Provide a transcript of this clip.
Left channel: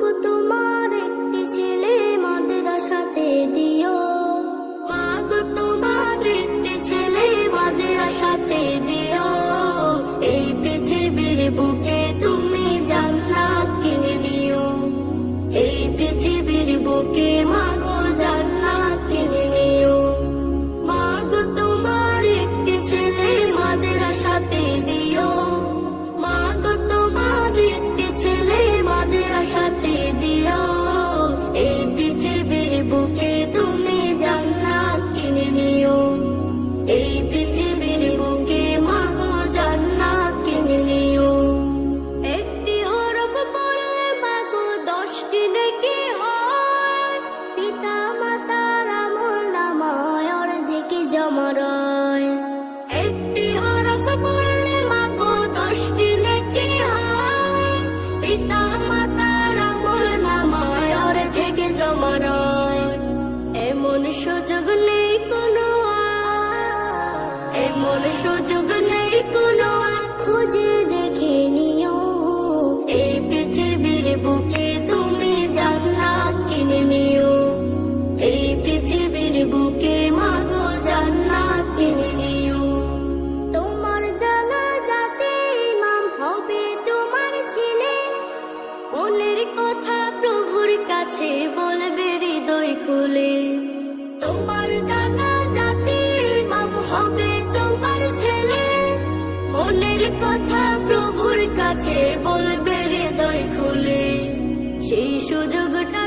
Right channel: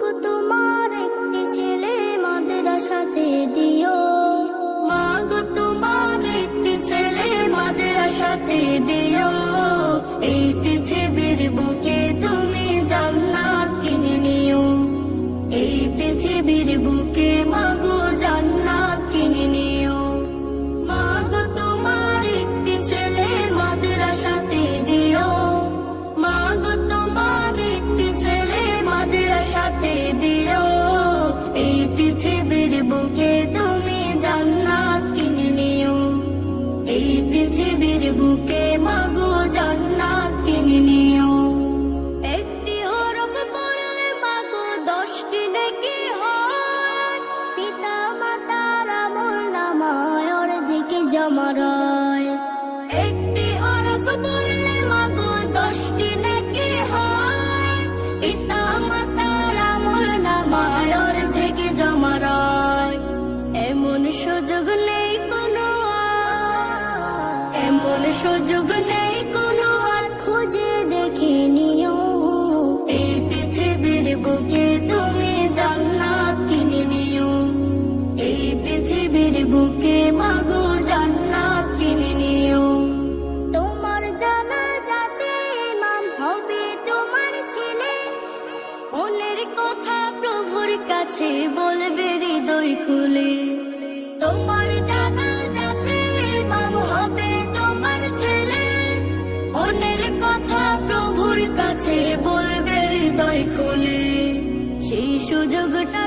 গো তোমার একটি ছেলে মাদ্রাসাতে দিও, মা গো তোমার একটি ছেলে মাদ্রাসাতে দিও। এই পৃথিবীর বুকে তুমি জান্নাত কিনে নিও, এই পৃথিবীর বুকে মা গো জান্নাত কিনে নিও। মা গো তোমার একটি ছেলে মাদ্রাসাতে দিও, মা গো তোমার একটি ছেলে মাদ্রাসাতে দিও। এই পৃথিবীর বুকে তুমি জান্নাত কিনে নিও, এই পৃথিবীর বুকে মা গো জান্নাত কিনে নিও। একটি হরফ পড়লে মা গো 10টি নেকি হয়, পিতা মাতার আমলনামায় অর্ধেক জমা রয়। একটি হরফ পড়লে মা গো 10টি নেকি হয়, পিতা মাতার আমলনামায় অর্ধেক জমা রয়। এমন সুযোগ নেই কোনো আর, এমন সুযোগ নেই কোনো আর, খুঁজে দেখে নিও। এই পৃথিবীর বুকে তুমি জান্নাত কিনে নিও, এই পৃথিবীর বুকে মা গো জান্নাত কিনে নিও। তোমার জানাজাতে ইমাম হবে তোমার ছেলে, মনের কথা প্রভুর কাছে বলবে হৃদয় খুলে। তোমার জানাজাতে ইমাম হবে তোমার ছেলে, মনের কথা প্রভুর কাছে বলবে হৃদয় খুলে। সেই সুযোগটা